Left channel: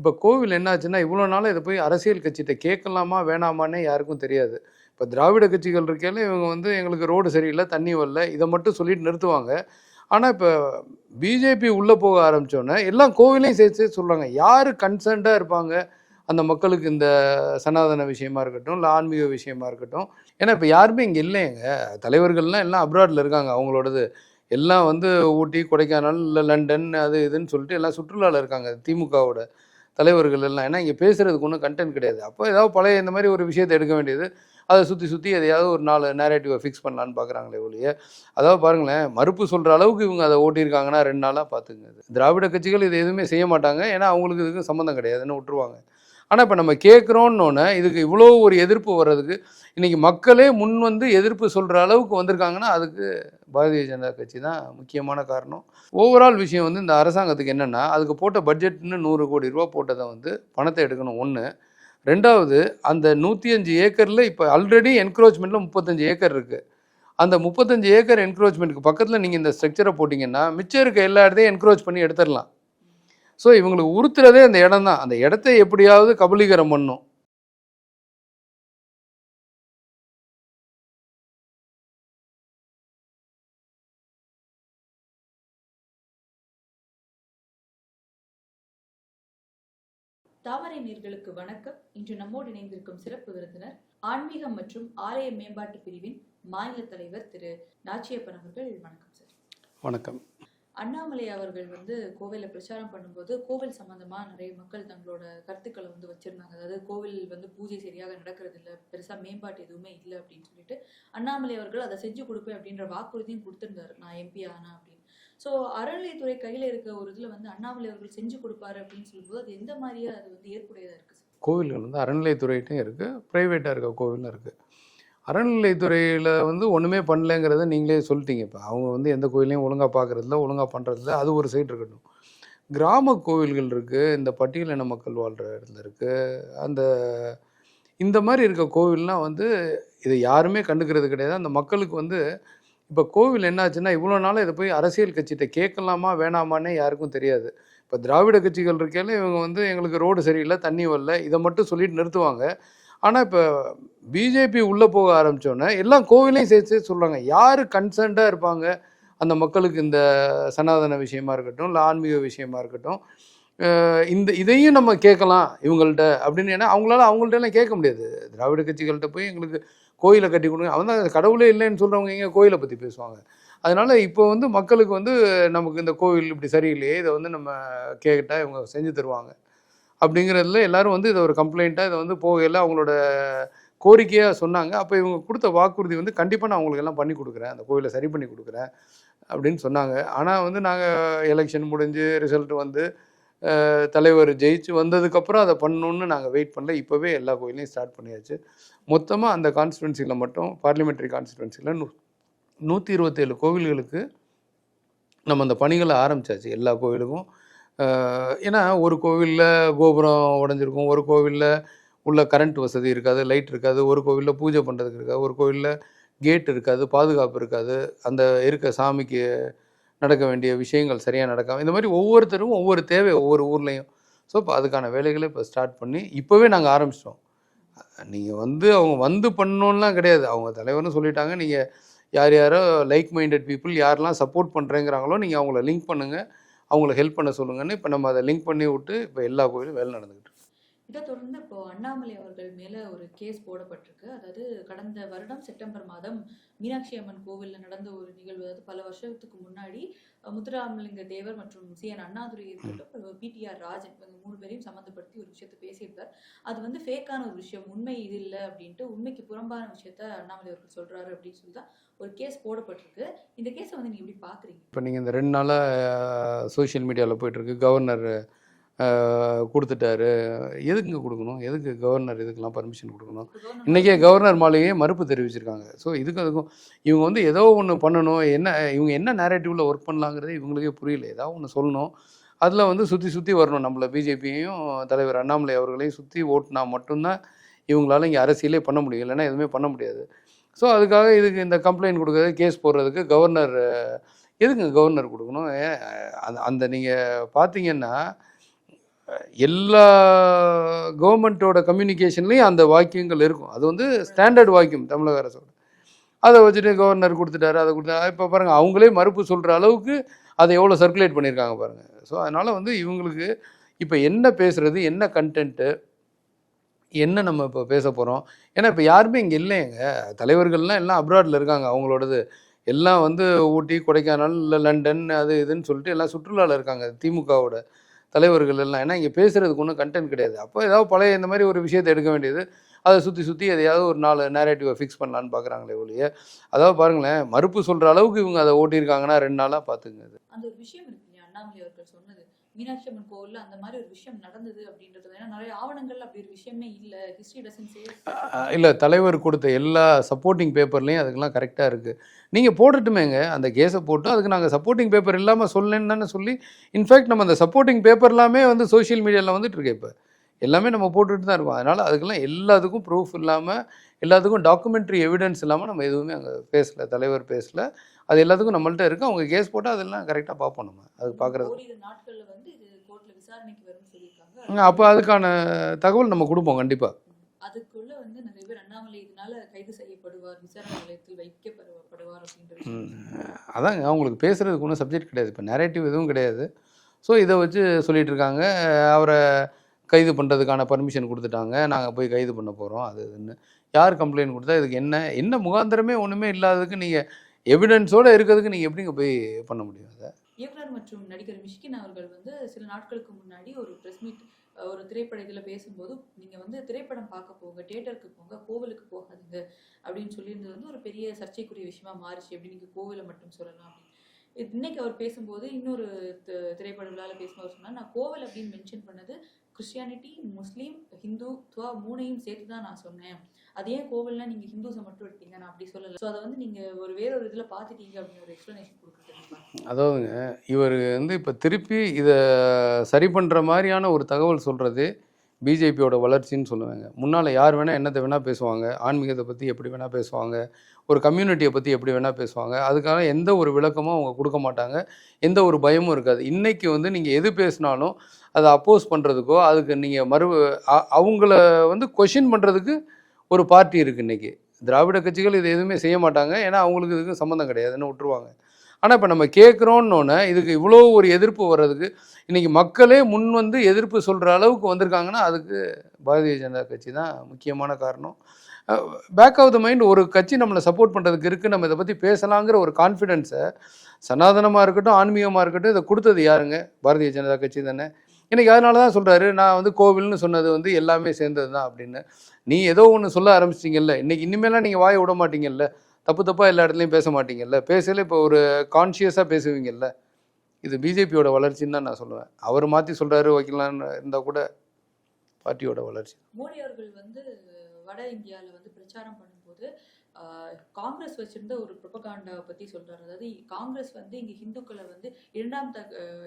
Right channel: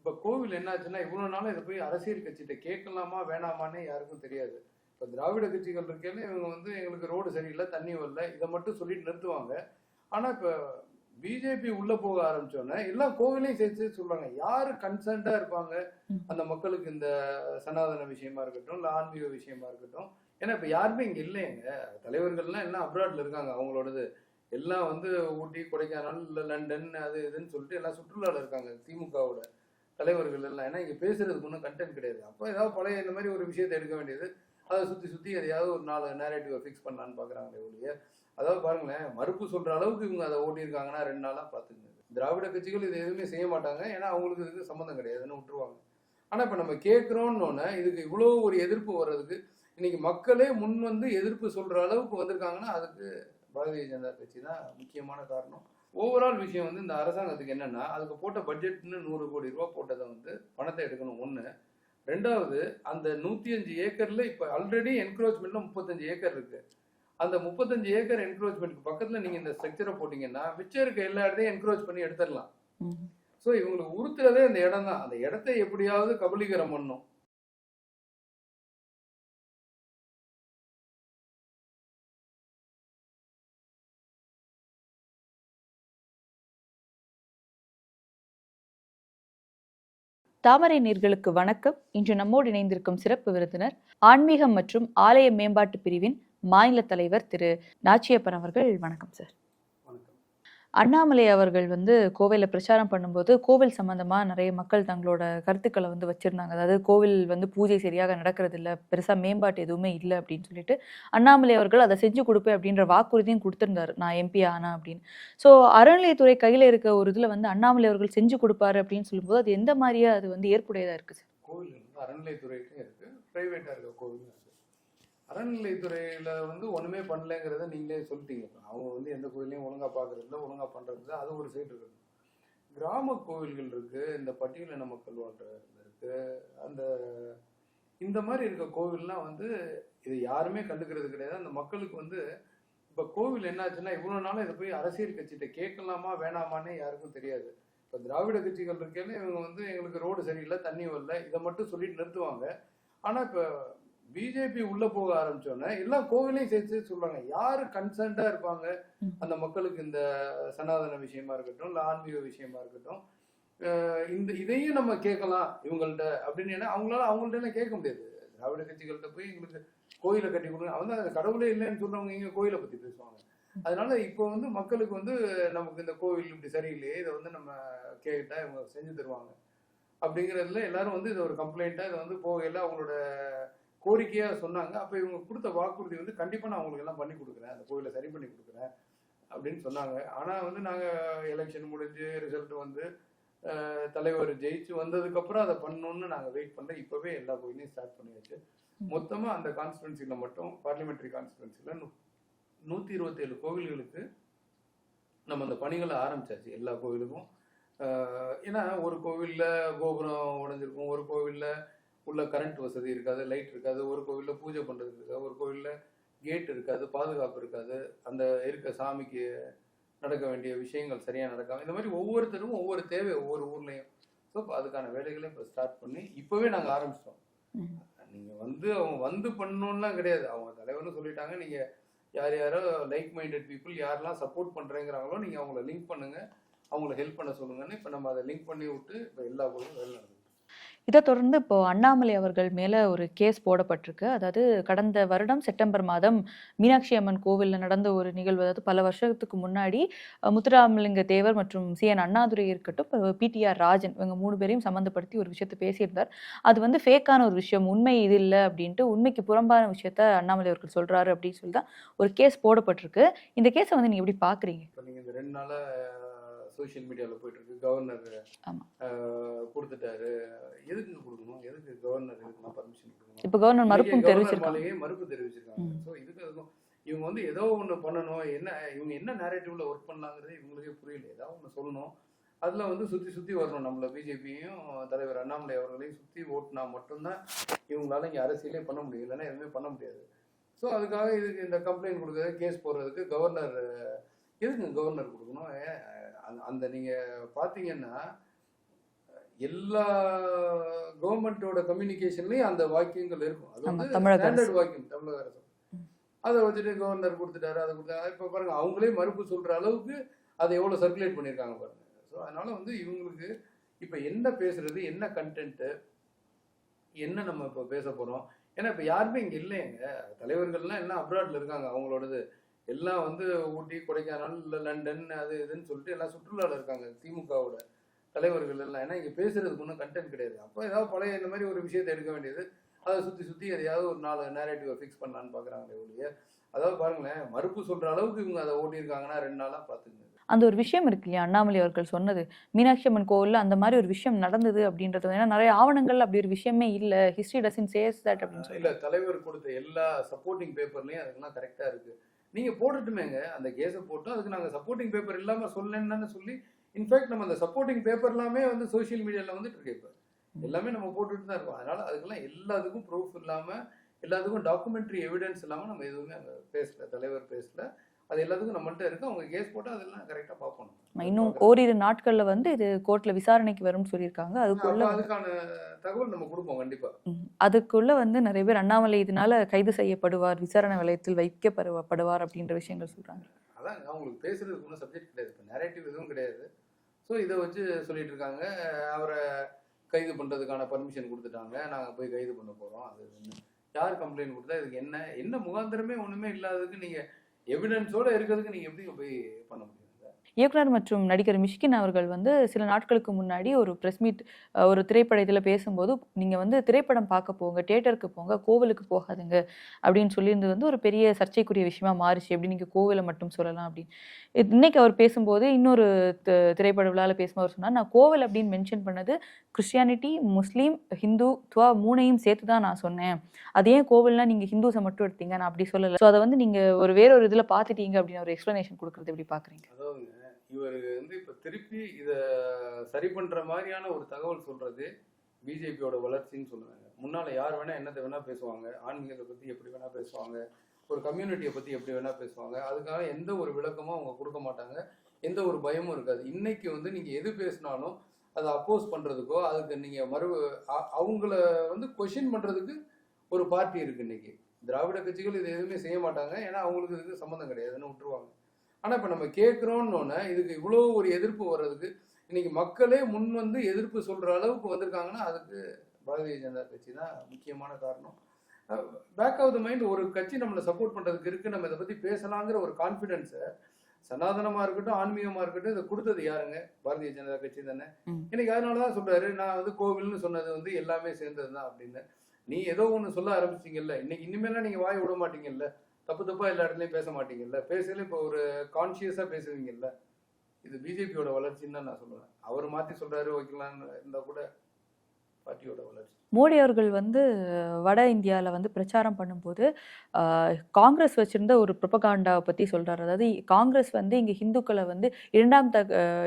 இப்போ கோவில் என்னாச்சுன்னா இவ்வளோ நாளாக இதை போய் அரசியல் கட்சிகிட்ட கேட்கலாமா வேணாமான்னே யாருக்கும் தெரியாது. இப்போ திராவிட கட்சிகள் இருக்கையில இவங்க வந்து எங்களுக்கு ரோடு சரியில்லை தண்ணி வரல இதை மட்டும் சொல்லிட்டு நிறுத்துவாங்க. ஆனால் இப்போ பிஜேபி உள்ளே போக ஆரம்பித்தோன்னே எல்லாம் கோவிலையும் சேர்த்து சொல்கிறாங்க யார் கன்சர்ன்டாக இருப்பாங்க? அந்த மக்களுக்கு இந்த சனாதன விஷயமா இருக்கட்டும் இல்லை ஆன்மீக விஷயமா இருக்கட்டும். ஏன்னா இப்போ யாருமே இங்கே இல்லைங்க தலைவர்கள்லாம் எல்லாம் அப்ராடில் இருக்காங்க. அவங்களோடது எல்லாம் வந்து ஊட்டி கொடைக்கானல் இல்லை லண்டன் அது இதுன்னு சொல்லிட்டு எல்லாம் சுற்றுலாவில் இருக்காங்க. திமுகவோட தலைவர்கள் எல்லாம். ஏன்னா இங்கே பேசுகிறதுக்கு ஒன்றும் கண்டென்ட் கிடையாது. அப்போ ஏதாவது பழைய இந்த மாதிரி ஒரு விஷயத்தை எடுக்க வேண்டியது அதை சுற்றி சுற்றி எதையாவது ஒரு நாலு நேரேட்டிவை ஃபிக்ஸ் பண்ணலான்னு பார்க்குறாங்களே ஒழிய அதாவது பாருங்களேன் மறுப்பு சொல்கிற அளவுக்கு இவங்க அதை ஓட்டியிருக்காங்கன்னா ரெண்டு நாளாக பார்த்துங்க திராவிட கட்சிகள் இது எதுவுமே செய்ய மாட்டாங்க. ஏன்னா அவங்களுக்கு இதுக்கு சம்மந்தம் கிடையாதுன்னு விட்டுருவாங்க. ஆனால் இப்போ நம்ம கேட்குறோன்னொன்னே இதுக்கு இவ்வளோ ஒரு எதிர்ப்பு வர்றதுக்கு இன்றைக்கி மக்களே முன் வந்து எதிர்ப்பு சொல்கிற அளவுக்கு வந்திருக்காங்கன்னா அதுக்கு பாரதிய ஜனதா கட்சி தான் முக்கியமான காரணம். ஓவரால் விஷயம் வந்து இந்த அரசாங்கத்துக்கு என்னென்னா அதுக்கு போட்ட பட்ஜெட்னு நூறு கோடி ரூபா போட்டதை வந்து பணத்தை எடுக்கணும். ஒன்று ரெண்டாவது அந்த நூற்றி அஞ்சு ஏக்கரில் இப்போ ஆல்ரெடி என்க்ரோச்மெண்ட்டில் முப்பத்தஞ்சு ஏக்கர் இருக்குது அந்த முப்பத்தஞ்சு ஏக்கர் என்க்ரோச்மெண்ட்டுக்கு பக்கத்தில் நீங்கள் இந்த ஸ்ட்ரக்சரை போட்டிங்கன்னா மிச்சம் இருக்க எல்லா இடத்தையும் என்க்ரோச் பண்ணி எடுத்துடலாம். ஸோ இவங்களுக்கு உறுத்துறதே அந்த இடம் தான் அந்த இடத்த எப்படியாவது கபலீகரம் பண்ணும். தாமரை நீர்களுக்கு வணக்கம். இன்று நம்மோடு இணைந்திருக்கும் சிறப்பு விருந்தினர் ஆன்மீகம் மற்றும் ஆலய மேம்பாட்டு பிரிவின் மாநில தலைவர் திரு. நாச்சியப்பன் அவர்கள். வணக்கம் சார். வணக்கம். அண்ணாமலை அவர்கள் வந்து கோவிலில் பிரச்சாரம் பண்ணும்போது கோவில் சம்மந்தமாக நிறைய மக்கள் தங்களோட கருத்துக்களை வந்து வச்சுருந்தாங்க. அதாவது கோவில் வந்து பூஜை சரியாக நடக்கிறது இல்லை பெருசாக மேம்பாட்டு எதுவுமே இல்லை அப்படின்னு சொல்லிட்டு அண்ணாமலை அவர்கள் அதை செஞ்சு கொடுப்பேன் அப்படின்ற வாக்குறுதியும் கொடுத்துருந்தாரு. நான் எம்பி ஆனா அப்படின்னு. ஸோ அறநிலையத்துறை கையில் இருக்க ஒரு இதில் வந்து அண்ணாமலை அவர்கள் செஞ்சு கொடுப்பாரு அப்படின்னு சொல்லும்போது அது எந்த மாதிரியா அது வந்து ஏற்புடையதாக இருக்குது கோவில்கள் வந்து அறநிலையத்துறையிட்டும் இருக்குது ப்ரைவேட்டாக இருக்க கோவிலும் இருக்குது அறநிலைத்துறையில் வந்து ஒன்றுமே பண்ணலைங்கிறத நீங்களே சொல்லிட்டீங்க. இப்போ அவங்க வந்து எந்த கோயிலையும் ஒழுங்காக பார்க்குறதில்ல ஒழுங்காக பண்ணுறதில்ல அது ஒரு சைடு இருக்கட்டும். கிராம கோவில்கள் இருக்குது இந்த பட்டியலின மக்கள் வாழ்கிற இடத்துல இருக்குது அந்த இந்த மாதிரி இருக்க கோவில்லாம் வந்து இதை யாருமே கண்டுக்கிறது கிடையாது. அந்த மக்களுக்கு வந்து இப்போ கோவில் என்னாச்சுன்னா இவ்வளோ நாளாக இதை போய் அரசியல் கட்சிகிட்ட கேட்கலாமா வேணாமான்னே யாருக்கும் தெரியாது. இப்போ திராவிட கட்சிகள் இருக்கையில இவங்க வந்து எங்களுக்கு ரோடு சரியில்லை தண்ணி வரல இதை மட்டும் சொல்லிட்டு நிறுத்துவாங்க. ஆனால் இப்போ பிஜேபி உள்ளே போக ஆரம்பித்தோன்னே எல்லாம் கோவிலையும் சேர்த்து சொல்கிறாங்க யார் கன்சர்ன்டாக இருப்பாங்க? அந்த மக்களுக்கு இந்த சனாதன விஷயமா இருக்கட்டும் இல்லை ஆன்மீக விஷயமா இருக்கட்டும். இந்த இதையும் நம்ம கேட்கலாம் இவங்கள்ட்ட அப்படின்னு. ஏன்னா அவங்களால அவங்கள்ட்ட எல்லாம் கேட்க முடியாது. திராவிட கட்சிகள்கிட்ட போய் எங்களுக்கு கோயிலை கட்டி கொடுங்க. அவன் தான் கடவுளே இல்லைன்னு சொல்கிறவங்க எங்கே கோயிலை பற்றி பேசுவாங்க. அதனால் இப்போ வந்து மக்களுக்கு வந்து நமக்கு இந்த கோவில் இப்படி சரியில்லையே இதை வந்து நம்ம கேட்டால் இவங்க செஞ்சு தருவாங்க. அப்படிங்கிறதுல எல்லாரும் வந்து இதை ஒரு கம்ப்ளைண்ட்டாக இதை வந்து போகையில் அவங்களோட கோரிக்கையாக சொன்னாங்க. அப்போ இவங்க கொடுத்த வாக்குறுதி வந்து கண்டிப்பாக நான் உங்களுக்கு எல்லாம் பண்ணி கொடுக்குறேன். அந்த கோயிலை சரி பண்ணி கொடுக்குறேன் அப்படின்னு சொன்னாங்க. ஆனால் வந்து நாங்கள் எலெக்ஷன் முடிஞ்சு ரிசல்ட் வந்து தலைவர் ஜெயிச்சு வந்ததுக்கப்புறம் அதை பண்ணணுன்னு நாங்கள் வெயிட் பண்ணல. இப்போவே எல்லா கோயிலையும் ஸ்டார்ட் பண்ணியாச்சு. மொத்தமாக அந்த கான்ஸ்டுவன்சியில் மட்டும் பார்லிமெண்ட்ரி கான்ஸ்டுவன்சியில் நூ நூற்றி இருபத்தேழு கோவில்களுக்கு நம்ம அந்த பணிகளை ஆரம்பிச்சாச்சு. எல்லா கோவிலுக்கும். ஏன்னா ஒரு கோவிலில் கோபுரம் உடஞ்சிருக்கும். ஒரு கோவிலில் உள்ள கரண்ட் வசதி இருக்காது லைட் இருக்காது ஒரு கோவிலில் பூஜை பண்ணுறதுக்கு இருக்காது ஒரு கோவிலில் கேட் இருக்காது பாதுகாப்பு இருக்காது அந்த இருக்க சாமிக்கு நடக்க வேண்டிய விஷயங்கள் சரியாக நடக்காம இந்த மாதிரி ஒவ்வொருத்தரும் ஒவ்வொரு தேவை ஒவ்வொரு ஊர்லேயும். ஸோ இப்போ அதுக்கான வேலைகளை இப்போ ஸ்டார்ட் பண்ணி இப்போவே நாங்கள் ஆரம்பிச்சிட்டோம். நீங்கள் வந்து அவங்க வந்து பண்ணணும்லாம் கிடையாது. அவங்க தலைவர்னு சொல்லிட்டாங்க நீங்கள் யார் யாரோ லைக் மைண்டட் பீப்புள் யாரெல்லாம் சப்போர்ட் பண்ணுறேங்கிறாங்களோ நீங்கள் அவங்கள லிங்க் பண்ணுங்கள் அவங்கள ஹெல்ப் பண்ண சொல்லுங்கன்னு இப்போ நம்ம அதை லிங்க் பண்ணி விட்டு இப்போ எல்லா கோயிலும் வேலை நடந்துக்கிட்டு இருக்கு. இதை தொடர்ந்து இப்போ அண்ணாமலை அவர்கள் மேல ஒரு கேஸ் போடப்பட்டிருக்கு. அதாவது கடந்த வருடம் செப்டம்பர் மாதம் மீனாட்சி அம்மன் கோவில்ல நடந்த ஒரு நிகழ்வு. அதாவது பல வருஷத்துக்கு முன்னாடி முத்துராமலிங்க தேவர் மற்றும் சி. என். அண்ணாதுரை இருக்கட்டும் பிடிஆர் ராஜன் இவங்க மூணு பேரையும் சம்மந்தப்படுத்தி ஒரு விஷயத்தை பேசியிருந்தார். அது வந்து ஃபேக்கான ஒரு விஷயம். உண்மை இது இல்லை அப்படின்ட்டு உண்மைக்கு புறம்பான விஷயத்த அண்ணாமலை அவர்கள் சொல்றாரு அப்படின்னு சொல்லி தான் ஒரு கேஸ் போடப்பட்டிருக்கு. இந்த கேஸை வந்து நீங்க எப்படி பாக்குறீங்க? இப்போ நீங்கள் இந்த ரெண்டு நாளாக சோஷியல் மீடியாவில் போயிட்டுருக்கு கவர்னர். கொடுத்துட்டாரு. எதுக்குங்க கொடுக்கணும்? எதுக்கு கவர்னர் இதுக்கெல்லாம் பர்மிஷன் கொடுக்கணும்? இப்போ கவர்னர். மாளிகையே மறுப்பு தெரிவிச்சிருக்காங்க. ஸோ இதுக்கும் அதுக்கும் இவங்க வந்து ஏதோ ஒன்று பண்ணணும் என்ன இவங்க என்ன நேரேட்டிவில் ஒர்க் பண்ணலாங்கிறது இவங்களுக்கே புரியல. ஏதாவது ஒன்று சொல்லணும். அதில் வந்து சுற்றி சுற்றி வரணும். நம்மள பிஜேபியையும் தலைவர் அண்ணாமலை அவர்களையும் சுற்றி ஓட்டுனா மட்டும்தான் இவங்களால இங்கே அரசியலே பண்ண முடியும். இல்லைன்னா எதுவுமே பண்ண முடியாது. ஸோ அதுக்காக இதுக்கு இந்த கம்ப்ளைண்ட் கொடுக்கறது கேஸ் போடுறதுக்கு கவர்னர் எதுங்க கவர்னர் கொடுக்கணும்? அந்த அந்த நீங்கள் பார்த்தீங்கன்னா எல்லா கவர்மெண்ட்டோட கம்யூனிகேஷன்லேயும் அந்த வாக்கியங்கள் இருக்கும். அது வந்து ஸ்டாண்டர்ட் வாக்கியம் தமிழக அரசோட. அதை வச்சுட்டு கவர்னர் கொடுத்துட்டாரு அதை கொடுத்தாரு இப்போ பாருங்கள் அவங்களே மறுப்பு சொல்கிற அளவுக்கு அதை எவ்வளோ சர்க்குலேட் பண்ணியிருக்காங்க பாருங்கள் ஸோ அதனால் வந்து இவங்களுக்கு இப்போ என்ன பேசுறது என்ன கண்டென்ட்டு என்ன நம்ம இப்போ பேச போகிறோம் ஏன்னா இப்போ யாருமே இங்கே இல்லைங்க. தலைவர்கள்லாம் எல்லாம் அப்ராடில் இருக்காங்க. அவங்களோடது எல்லாம் வந்து ஊட்டி கொடைக்கானல் இல்லை லண்டன் அது இதுன்னு சொல்லிட்டு எல்லாம் சுற்றுலாவில் இருக்காங்க திமுகவோட. தலைவர்கள் எல்லாம். ஏன்னா இங்கே பேசுறதுக்கு ஒன்றும் கண்டென்ட் கிடையாது. அப்போ ஏதாவது பழைய இந்த மாதிரி ஒரு விஷயத்தை எடுக்க வேண்டியது அதை சுற்றி சுற்றி எதையாவது ஒரு நாலு நேரேட்டிவை ஃபிக்ஸ் பண்ணலான்னு பார்க்குறாங்களே ஒழிய அதாவது பாருங்களேன் மறுப்பு சொல்கிற அளவுக்கு இவங்க அதை ஓட்டியிருக்காங்கன்னா ரெண்டு நாளாக பார்த்துங்க அந்த ஒரு விஷயம் இருக்கு இல்லையா? அண்ணாமலை அவர்கள் சொன்னது மீனாட்சி அம்மன் கோவில்ல அந்த மாதிரி ஒரு விஷயம் நடந்தது அப்படின்றது ஏன்னா நிறைய ஆவணங்கள் அப்படி ஒரு விஷயமே இல்ல. ஹிஸ்டரி டசன் சேஸ் இல்லை தலைவர் கொடுத்த எல்லா சப்போர்ட்டிங் பேப்பர்லேயும் அதுக்கெல்லாம் கரெக்டாக இருக்குது நீங்கள் போடட்டுமேங்க அந்த கேஸை போட்டு அதுக்கு நாங்கள் சப்போர்ட்டிங் பேப்பர் இல்லாமல் சொல்லலன்னு தானே சொல்லி இன்ஃபேக்ட் நம்ம அந்த சப்போர்ட்டிங் பேப்பர் எல்லாமே வந்து சோஷியல் மீடியாவில் வந்துட்டு இருக்கு இப்போ. எல்லாமே நம்ம போட்டுட்டு தான் இருக்கோம். அதனால் அதுக்கெல்லாம் எல்லாத்துக்கும் ப்ரூஃப் இல்லாமல் எல்லாத்துக்கும் டாக்குமெண்ட்ரி எவிடன்ஸ் இல்லாமல் நம்ம எதுவுமே அங்கே பேசல தலைவர் பேசலை. அது எல்லாத்துக்கும் நம்மள்ட்ட இருக்கு. அவங்க கேஸ் போட்டால் அதெல்லாம் கரெக்டாக பார்ப்போம் நம்ம. இன்னும் ஓரிரு நாட்கள்ல வந்து இது கோர்ட்ல விசாரணைக்கு வரும்னு சொல்லியிருக்காங்க. அப்போ அதுக்கான தகவல் நம்ம கொடுப்போம் கண்டிப்பாக. அதுக்குள்ள வந்து நிறைய பேர் அண்ணாமலை இதனால கைது செய்யப்படுவார் விசாரணை வலயத்தில் வைக்கப்படுவார் அப்படின்ற சொல்றாங்க. அதாங்க அவங்களுக்கு பேசுகிறதுக்கு ஒன்றும் சப்ஜெக்ட் கிடையாது. இப்போ நேரேட்டிவ் எதுவும் கிடையாது. ஸோ இதை வச்சு சொல்லிட்டு இருக்காங்க. அவரை கைது பண்ணுறதுக்கான பர்மிஷன் கொடுத்துட்டாங்க. நாங்கள் போய் கைது பண்ண போகிறோம் அது இதுன்னு. யார் கம்ப்ளைண்ட் கொடுத்தா இதுக்கு என்ன என்ன முகாந்திரமே ஒன்றுமே இல்லாததுக்கு நீங்கள் எவிடன்ஸோடு இருக்கிறதுக்கு நீங்கள் எப்படிங்க போய் பண்ண முடியும் அதை? இயக்குனர் மற்றும் நடிகர் மிஷ்கின் அவர்கள் வந்து சில நாட்களுக்கு முன்னாடி ஒரு ப்ரெஸ் மீட் ஒரு திரைப்படத்தில் பேசும்போது நீங்கள் வந்து திரைப்படம் பார்க்க போங்க தியேட்டருக்கு போங்க கோவிலுக்கு போகாதுங்க அப்படின்னு சொல்லியிருந்தது வந்து ஒரு பெரிய சர்ச்சைக்குரிய விஷயமா மாறுச்சு. எப்படி நீங்கள் கோவிலை மட்டும் சொல்லலாம் அப்படின்னு. இன்னைக்கு அவர் பேசும்போது இன்னொரு திரைப்பட விழாவில் பேசும்போது அவர் சொன்னால் நான் கோவில் அப்படின்னு மென்ஷன் பண்ணது கிறிஸ்டியானிட்டி முஸ்லீம் ஹிந்து துவா மூணையும் சேர்த்து தான் நான் சொன்னேன். அது ஏன் கோவில்னா நீங்கள் ஹிந்துஸை மட்டும் எடுத்தீங்க? நான் அப்படி சொல்லலை. ஸோ அதை வந்து நீங்கள் ஒரு வேற ஒரு இதில் பார்த்துட்டீங்க அப்படின்னு ஒரு எக்ஸ்ப்ளனேஷன் கொடுக்குறது எப்படி பார்க்குறீங்க? அதாவதுங்க இவர் வந்து இப்போ திருப்பி இதை சரி பண்ணுற மாதிரியான ஒரு தகவல் சொல்கிறது பிஜேபியோட வளர்ச்சின்னு சொல்லுவாங்க. முன்னால் யார் வேணால் என்னத்தை வேணால் பேசுவாங்க ஆன்மீகத்தை பற்றி எப்படி வேணால் பேசுவாங்க ஒரு கம்யூனிட்டியை பற்றி எப்படி வேணால் பேசுவாங்க. அதுக்காக எந்த ஒரு விளக்கமும் அவங்க கொடுக்க மாட்டாங்க. எந்த ஒரு பயமும் இருக்காது. இன்றைக்கி வந்து நீங்கள் எது பேசினாலும் அதை அப்போஸ் பண்ணுறதுக்கோ அதுக்கு நீங்கள் மறு அவங்கள வந்து கொஷின் பண்ணுறதுக்கு ஒரு பார்ட்டி இருக்குது இன்றைக்கி திராவிட கட்சிகள் இது எதுவுமே செய்ய மாட்டாங்க. ஏன்னா அவங்களுக்கு இதுக்கு சம்மந்தம் கிடையாதுன்னு விட்டுருவாங்க? ஆனால் இப்போ நம்ம கேட்குறோன்னொன்னே இதுக்கு இவ்வளோ ஒரு எதிர்ப்பு வர்றதுக்கு இன்றைக்கி மக்களே முன் வந்து எதிர்ப்பு சொல்கிற அளவுக்கு வந்திருக்காங்கன்னா அதுக்கு பாரதிய ஜனதா கட்சி தான் முக்கியமான காரணம். பேக் ஆஃப் த மைண்ட் ஒரு கட்சி நம்மளை சப்போர்ட் பண்ணுறதுக்கு இருக்குது நம்ம இதை பற்றி பேசலாங்கிற ஒரு கான்ஃபிடென்ஸை சனாதனமாக இருக்கட்டும் ஆன்மீகமாக இருக்கட்டும் இதை கொடுத்தது யாருங்க? பாரதிய ஜனதா கட்சி தானே? ம். இன்னைக்கு அதனால தான் சொல்கிறாரு நான் வந்து கோவில்னு சொன்னது வந்து எல்லாமே சேர்ந்தது தான் அப்படின்னு. நீ ஏதோ ஒன்று சொல்ல ஆரம்பிச்சிட்டிங்கல்ல இன்னைக்கு இனிமேலாம் நீங்கள் வாயை விட மாட்டீங்கல்ல? தப்பு தப்பாக எல்லா இடத்துலையும் பேச மாட்டீங்கல்ல? பேசல இப்போ ஒரு கான்ஷியஸாக பேசுவீங்கல்ல? இது பிஜேபியோட வளர்ச்சின்னு தான் நான் சொல்லுவேன். அவர் மாற்றி சொல்கிறாரு வைக்கலான்னு இருந்தால் கூட பார்ட்டியோட வளர்ச்சி. மோடி அவர்கள் வந்து வட இந்தியாவில் வந்து பிரச்சாரம் பண்ணும்போது காங்கிரஸ் வச்சிருந்த ஒரு ப்ரொபகாண்டாவை பற்றி சொல்றாரு. அதாவது காங்கிரஸ் வந்து இங்கே ஹிந்துக்களை வந்து இரண்டாம் த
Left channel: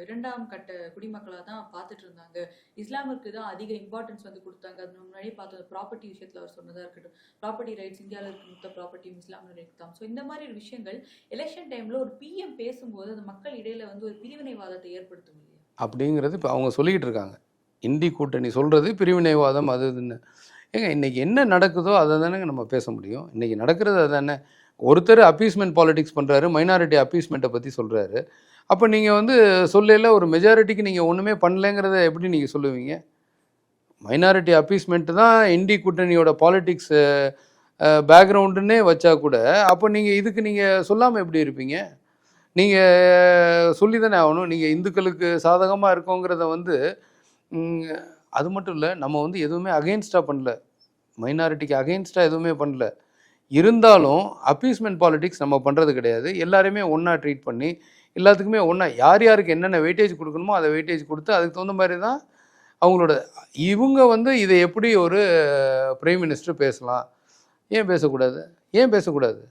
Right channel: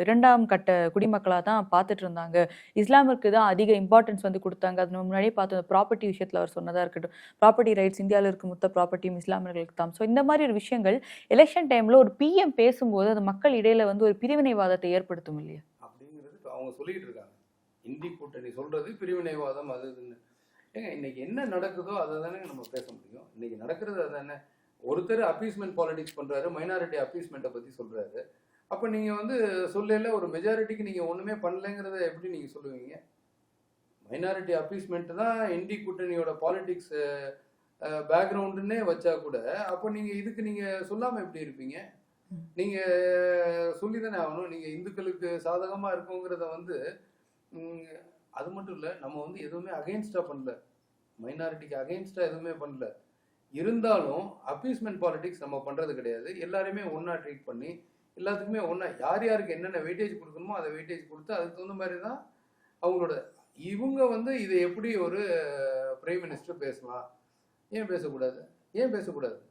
இரண்டாம் கட்ட குடிமக்களாக தான் பார்த்துட்டு இருந்தாங்க. இஸ்லாமிற்கு தான் அதிக இம்பார்ட்டன்ஸ் வந்து கொடுத்தாங்க. அது முன்னாடியே பார்த்தோம் ப்ராப்பர்ட்டி விஷயத்தில் அவர் சொன்னதாக இருக்கட்டும். ப்ராப்பர்ட்டி ரைட்ஸ் இந்தியாவில் இருக்க மொத்த ப்ராப்பர்ட்டியும் இஸ்லாமியர்களுக்கு தான். ஸோ இந்த மாதிரி ஒரு விஷயங்கள் எலெக்ஷன் டைமில் ஒரு பிஎம் பேசும்போது அது மக்கள் இடையில வந்து ஒரு பிரிவினைவாதத்தை ஏற்படுத்தும் இல்லையா? அப்படிங்கிறது இப்போ அவங்க சொல்லிக்கிட்டு இருக்காங்க. இந்தி கூட்டணி சொல்கிறது பிரிவினைவாதம் அது இதுன்னு. ஏங்க இன்றைக்கி என்ன நடக்குதோ அதை தானேங்க நம்ம பேச முடியும். இன்றைக்கி நடக்கிறது அதானே ஒருத்தர் அப்பீஸ்மெண்ட் பாலிடிக்ஸ் பண்ணுறாரு மைனாரிட்டி அப்பீஸ்மெண்ட்டை பற்றி சொல்கிறாரு அப்போ நீங்கள் வந்து சொல்லல ஒரு மெஜாரிட்டிக்கு நீங்கள் ஒன்றுமே பண்ணலைங்கிறத எப்படி நீங்கள் சொல்லுவீங்க? மைனாரிட்டி அப்பீஸ்மெண்ட்டு தான் இந்தி கூட்டணியோட பாலிட்டிக்ஸ் பேக்ரவுண்டுன்னே வச்சா கூட அப்போ நீங்கள் இதுக்கு நீங்கள் சொல்லாமல் எப்படி இருப்பீங்க? நீங்கள் சொல்லி தானே ஆகணும். நீங்கள் இந்துக்களுக்கு சாதகமாக இருக்கோங்கிறத வந்து அது மட்டும் இல்லை நம்ம வந்து எதுவுமே அகெயின்ஸ்டாக பண்ணல. மைனாரிட்டிக்கு அகெயின்ஸ்டாக எதுவுமே பண்ணல. இருந்தாலும் அப்பீஸ்மெண்ட் பாலிடிக்ஸ் நம்ம பண்ணுறது கிடையாது. எல்லாரையுமே ஒன்றா ட்ரீட் பண்ணி எல்லாத்துக்குமே ஒன்றா யார் யாருக்கு என்னென்ன வெயிட்டேஜ் கொடுக்கணுமோ அதை வெயிட்டேஜ் கொடுத்து அதுக்கு தகுந்த மாதிரி தான் அவங்களோட இவங்க வந்து இதை எப்படி ஒரு பிரைம் மினிஸ்டர் பேசலாம்? ஏன் பேசக்கூடாது? ஏன் பேசக்கூடாது?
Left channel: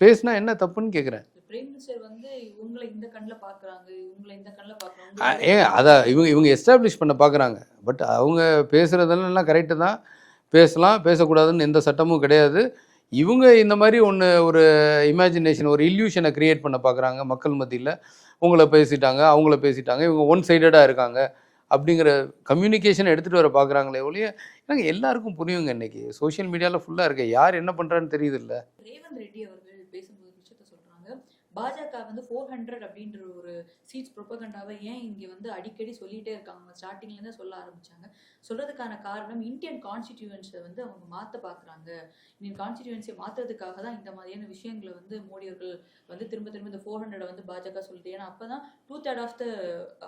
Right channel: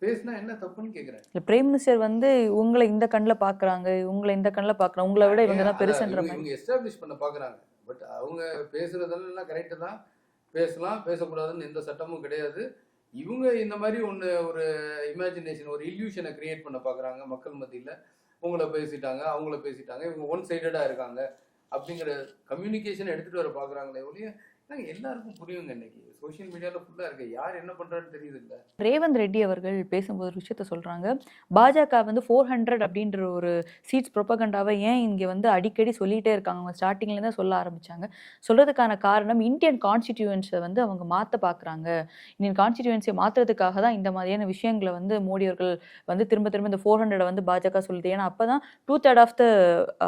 பேசினா என்ன தப்புன்னு கேட்குறேன் இல்ல பிரைம் மினிஸ்டர் வந்து உங்களை இந்த கண்ணில் பார்க்குறாங்க உங்களை இந்த கண்ணில் பார்க்குறாங்க உங்களை விட ஏங்க இவங்க அதான் இவங்க இவங்க எஸ்டாப்ளிஷ் பண்ண பார்க்குறாங்க பட் அவங்க பேசுகிறதெல்லாம் கரெக்டு தான். பேசலாம் பேசக்கூடாதுன்னு எந்த சட்டமும் கிடையாது. இவங்க இந்த மாதிரி ஒன்று ஒரு இமேஜினேஷன் ஒரு இல்யூஷனை கிரியேட் பண்ண பார்க்குறாங்க மக்கள் மத்தியில். உங்களை பேசிட்டாங்க அவங்கள பேசிட்டாங்க இவங்க ஒன் சைடடாக இருக்காங்க. அப்படிங்கிற கம்யூனிகேஷனை எடுத்துகிட்டு வர பார்க்குறாங்களே ஒழிய எனக்கு எல்லாருக்கும் புரியுங்க இன்னைக்கு? சோஷியல் மீடியாவில் ஃபுல்லாக இருக்கு. யார் என்ன பண்ணுறான்னு தெரியுது இல்லை ரேவந்த் ரெட்டி அவர்கள் பேசும்போது ஒரு விஷயத்த சொல்றாங்க. பாஜக வந்து ஃபோர் ஹண்ட்ரட் அப்படின்ற ஒரு சீட்ஸ் ப்ரொபகண்டாவை ஏன் இங்க வந்து அடிக்கடி சொல்லிட்டே இருக்காங்க? அவங்க ஸ்டார்டிங்ல இருந்தே சொல்ல ஆரம்பிச்சாங்க. சொல்றதுக்கான காரணம் இந்தியன் கான்ஸ்டிடியூன்ஸை வந்து அவங்க மாத்த பாக்குறாங்க. இந்தியன் கான்ஸ்டிடியூன்சியை மாத்துறதுக்காக தான் இந்த மாதிரியான விஷயங்களை வந்து மோடி அவர்கள் வந்து திரும்ப திரும்ப இந்த ஃபோர் ஹண்ட்ரட் வந்து பாஜக சொல்லுது. ஏன்னா அப்பதான் டூ தேர்ட் ஆஃப் த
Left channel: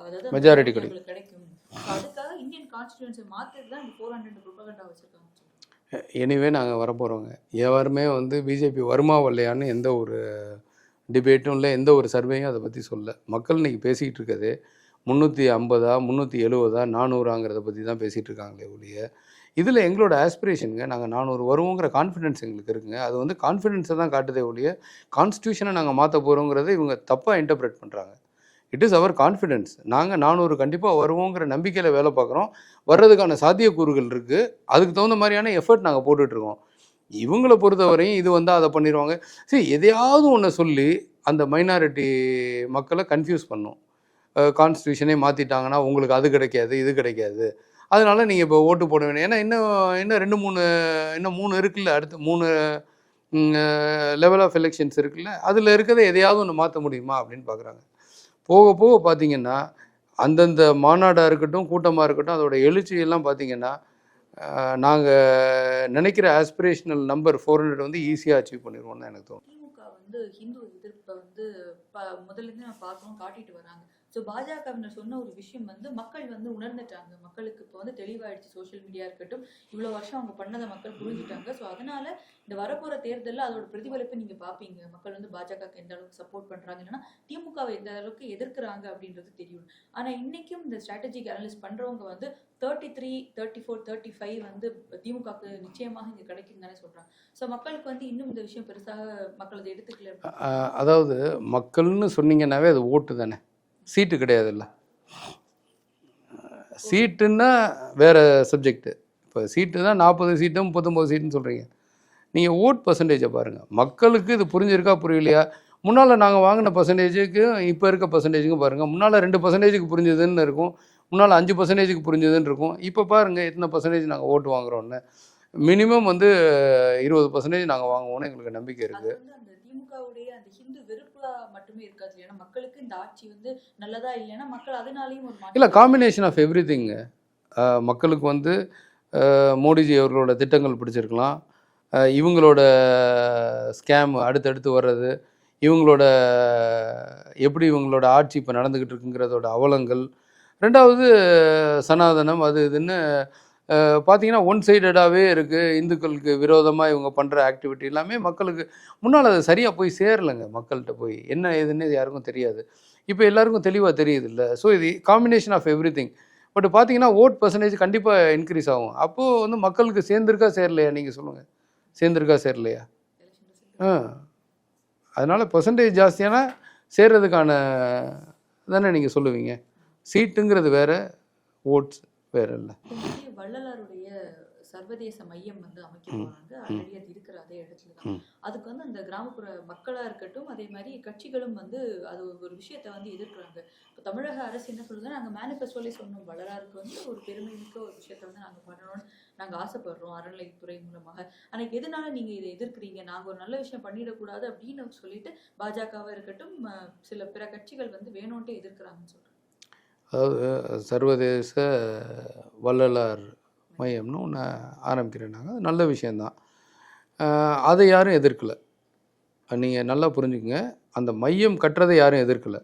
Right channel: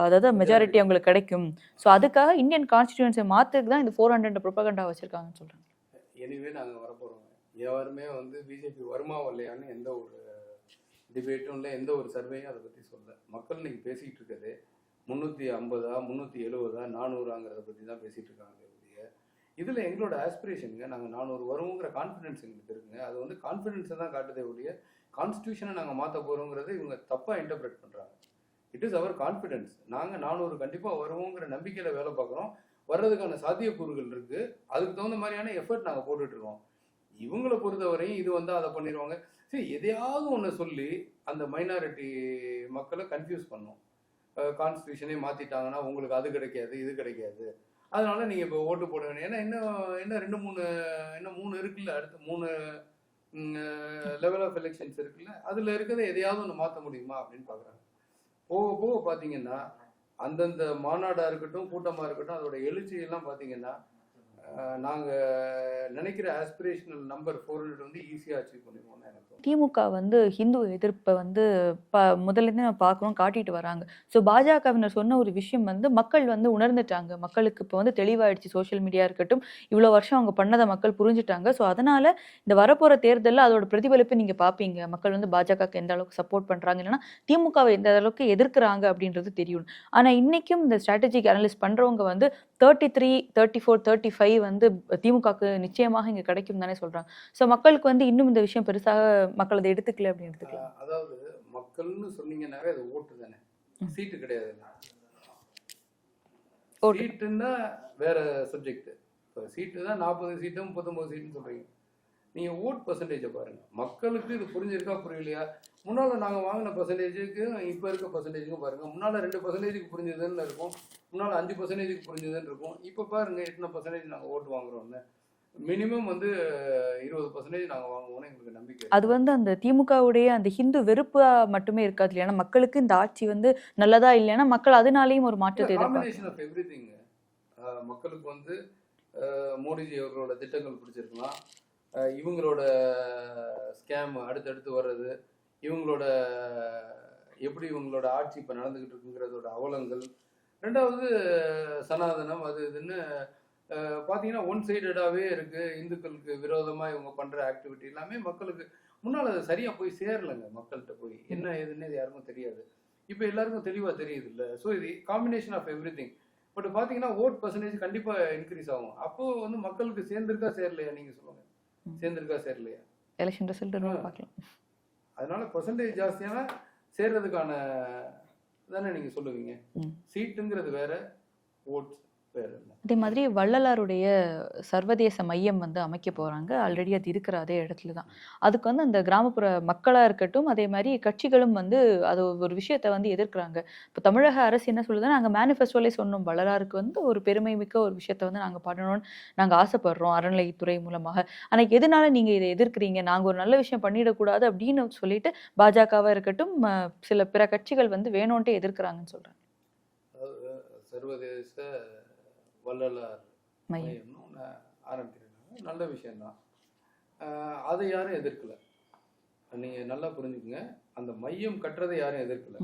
அதாவது மெஜாரிட்டி. அவங்களுக்கு கிடைக்கும். ஸோ அதுக்காக இந்தியன் கான்ஸ்டிடியூன்சியை மாத்துறதுக்கு தான் இந்த ஃபோர் ஹண்ட்ரட் ப்ரொபகண்டா வச்சுருக்காங்கன்னு சொல்றாங்க. எனிவே நாங்கள் வரப்போகிறோங்க யாருமே வந்து பிஜேபி வருமா வரலையான்னு எந்த ஒரு டிபேட்டும் இல்லை எந்த ஒரு சர்வேயும் அதை பற்றி சொல்ல மக்கள் இன்னைக்கு பேசிக்கிட்டு இருக்கிறது முந்நூற்றி ஐம்பதா முந்நூற்றி எழுபதா நானூறாங்கிறத பற்றி தான் பேசிகிட்டு இருக்காங்களே ஒழிய இதில் எங்களோட ஆஸ்பிரேஷனுங்க நாங்கள் நானூறு வருவோங்கிற கான்ஃபிடென்ஸ் எங்களுக்கு இருக்குங்க. அது வந்து கான்ஃபிடென்ஸை தான் காட்டுதே ஒழிய கான்ஸ்டியூஷனை நாங்கள் மாற்ற போகிறோங்கிறத இவங்க தப்பாக இன்டர்பிரேட் பண்ணுறாங்க இட் இஸ் அவர் கான்ஃபிடென்ஸ் நாங்கள் நானூறு கண்டிப்பாக வருவோங்கிற நம்பிக்கையில் வேலை பார்க்குறோம். வர்றதுக்கான சாத்தியக்கூறுகள் இருக்குது அதுக்கு தகுந்த மாதிரியான எஃபர்ட் நாங்கள் போட்டுட்ருக்கோம். இவங்கள பொறுத்தவரையும் இது வந்து அதை பண்ணிடுவாங்க சரி எதையாவது ஒன்று சொல்லி அந்த மைனாரிட்டி மக்களை கன்ஃபியூஸ் பண்ணும். கான்ஸ்டியூஷனே மாற்றிட்டாங்கன்னா உங்களுக்கு அது கிடைக்காது இது கிடைக்காது. அதனால் நீங்கள் இப்போ ஓட்டு போட வேணும். ஏன்னா இன்னும் இன்னும் ரெண்டு மூணு இன்னும் மூணு இருக்குல்ல அடுத்து மூணு லெவல் ஆஃப் எலெக்ஷன்ஸ் இருக்குல்ல அதில் இருக்கிறத எதையாவது ஒன்று மாற்ற முடியுமா அப்படின்னு பார்க்குறாங்க போக போக பார்த்தீங்கன்னா அந்தந்த மாநாடாக இருக்கட்டும் கூட்டமாக இருக்கட்டும் அதோட எழுச்சியெல்லாம் பார்த்தீங்கன்னா நாங்கள் நினைக்கிற ஆஸ்பிரேஷனல் நம்பர் ஃபோர் ஹண்ட்ரட் வந்து ஈஸியாக அச்சீவ் பண்ணிடுவோம்னு எனக்கு தோணும் திமுக வந்து ஹிந்து எதிர்ப்பை வந்து ப முதலேருந்து நம்ம பார்க்குறோம் காட்டிட்டு வராங்க. ஸோ பாஜகவினர் சொன்ன ஒரு விஷயம் வந்து மக்கள் வந்து உணர்ந்துட்டாங்க. மக்களுக்கு இப்போ வந்து தெளிவாயிடுச்சு சோஷியல் மீடியா இருக்கட்டும். இவ்வளோ வருஷம் அவங்க பண்ணதை மக்கள் புரிஞ்சுட்டாங்க. ஸோ அதனால் இந்த வரப்போகிற தேர்தலில் அதோட பிரதிபலிப்பு நீங்கள் பார்ப்பீங்க. மக்கள் வந்து பாஜகவுக்கு எந்த அளவுக்கு சப்போர்ட் பண்ணுறாங்க இல்லைன்னா திமுகவை எந்த அளவுக்கு எதிர்க்கிறாங்க அப்படின்றது தெரியும் ஆனால் இன்றைக்கும் இந்த ஸ்ட்ராட்டஜிக் அனலிஸ்ட் பண்ணுறவங்க வந்து thirty three thirty four thirty five வந்து திமுகவுக்கு நிச்சயமாக இங்கே கிடைக்கும் தானே சொல்கிறாங்க ஸோ மக்களுக்கு வந்து இன்னும் இந்த விஷயம் பெருசாக மக்கள் அதை எடுத்துக்கல அதாவது மக்கள்னு சொன்னீங்கன்னாவே அது ஓட்டு தானே. சீட்டு கிடையாதுல்ல. சீட்டுன்னா வேற சப்ஜெக்ட் இப்போ சீட்டு தான் நாற்பது சீட்டு முப்பத்தொம்போது சீட்டுன்னு சொல்கிறீங்க நீங்கள் ஓட் பர்சன்டேஜை பாருங்கள் மக்களுக்கு இது புரிஞ்சிருக்கா புரியலையா? முன்னால் நாங்கள் வாங்கின பர்சன்டேஜுக்கு இப்போ இருக்க பர்சன்டேஜுக்கும் பாருங்கள் முன்னால் ரெண்டு பர்சன்டேஜுக்கு புரிஞ்சுதுன்னு இருக்கும். முன்னால் அஞ்சு பர்சன்டேஜுக்கு புரிஞ்சுதுன்னு இருக்கும் இப்போ பாருங்கள் எத்தனை பர்சன்டேஜ் நாங்கள் ஓட்டு வாங்குறோன்னு மினிமம் வந்து இருபது பர்சன்டேஜ் நாங்கள் வாங்குவோம்னு எங்களுக்கு நம்பிக்கை அது வந்து அந்த திமுகவுடைய அந்த ஹிந்து வெறுப்பா மட்டுமே இருக்காது இல்லையா? மக்களுக்கு இந்த ஆட்சி வந்து நல்லதா இல்லைன்னா மக்கள் அதனாலேயும் ஒரு இல்லை மாற்றம் காம்பினேஷன் ஆஃப் எவ்ரி மக்களுக்கு வந்து மோடிஜி அவர்களோட திட்டங்கள் பிடிச்சிருக்கலாம். இவங்களோட ஸ்கேம் அடுத்தடுத்து வர்றது இவங்களோட எப்படி இவங்களோட ஆட்சி இப்போ நடந்துக்கிட்டு இருக்குங்கிறதோட அவலங்கள் ரெண்டாவது சனாதனம் அது இதுன்னு பார்த்தீங்கன்னா ஒன் சைடடாகவே இருக்குது இந்துக்களுக்கு விரோதமாக இவங்க பண்ணுற ஆக்டிவிட்டி எல்லாமே மக்களுக்கு முன்னால் அது சரியாக போய் சேரலைங்க மக்கள்கிட்ட போய். என்ன ஏதுன்னு யாருக்கும் தெரியாது. இப்போ எல்லாருக்கும் தெளிவாக தெரியுது இல்லை ஸோ இது combination of everything but பார்த்தீங்கன்னா ஓட் பர்சன்டேஜ் கண்டிப்பாக இன்க்ரீஸ் ஆகும். அப்போது வந்து மக்களுக்கு சேர்ந்துருக்கா சேரலையா? நீங்கள் சொல்லுங்கள் சேர்ந்துருக்கா சேரலையா? Election result. அதனால பர்சன்டேஜ் ஜாஸ்தியானா சேர்றதுக்கான தானே நீங்கள் சொல்லுவீங்க. சீட்டுங்கிறது வேற ஓட்ஸ் வேற இல்லை. அதே மாதிரி வள்ளலாருடைய சர்வதேச மையம் வந்து அமைக்க. போறாங்க. ஆல்ரெடி அது இருக்கிற அதே இடத்துல தான். அதுக்கு வந்து அந்த கிராமப்புற மக்களா இருக்கட்டும் அதே மாதிரி கட்சிகளும் வந்து அது ஒரு விஷயத்தை வந்து எதிர்க்கிறாங்க. இப்போ தமிழக அரசு என்ன சொல்லுதுன்னா நாங்கள் மேனிஃபெஸ்டோலே சொன்னோம் வள்ளலாருக்கு வந்து ஒரு பெருமை மிக்க ஒரு விஷயத்தை வந்து நாங்கள் பண்ணணும்னு நாங்கள் ஆசைப்படுறோம் அறநிலைத்துறை மூலமாக. ஆனால் எதனால நீங்கள் இதை எதிர்க்கிறீங்க? நாங்கள் ஒரு நல்ல விஷயம் பண்ணிடக்கூடாது அப்படின்னு சொல்லிட்டு பாஜகவாக இருக்கட்டும் சில பிற கட்சிகள் வந்து வேணும்ன்ட்டு எதிர்க்கிறாங்கன்னு சொல்றாங்க அதாவது சர்வதேச வள்ளலார் மையம். மையம்னு ஒன்று ஆரம்பிக்கிறேன்னாங்க அது நல்ல விஷயந்தான் அதை யாரும் எதிர்க்கல. நீங்கள் நல்லா புரிஞ்சுக்கங்க. அந்த மையம் கட்டுறதை யாரும் எதிர்க்கல.